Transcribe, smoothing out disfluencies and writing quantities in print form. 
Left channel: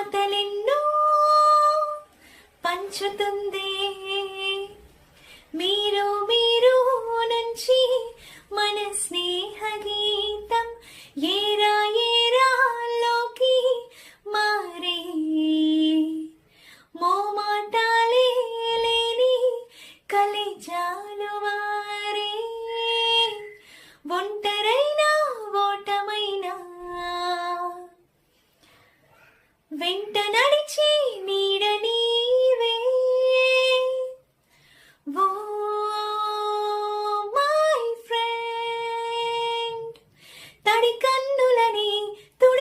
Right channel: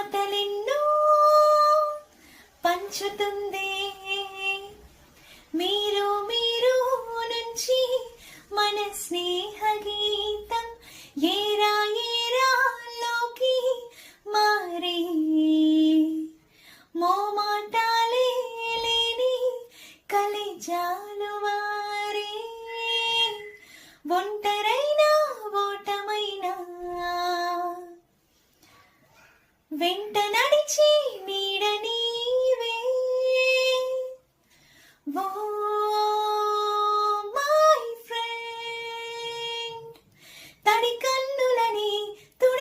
మమతలెన్నో పంచుతుంది. మీరు మీరు నుంచి మన స్నేహ గీతం ఏరా ఏరాల్లోకి మారే, మోమాటాలే లేని కలిజాలు వారే, ఒంటరైనా ఓటమైనా వెంట నడిచి నీడని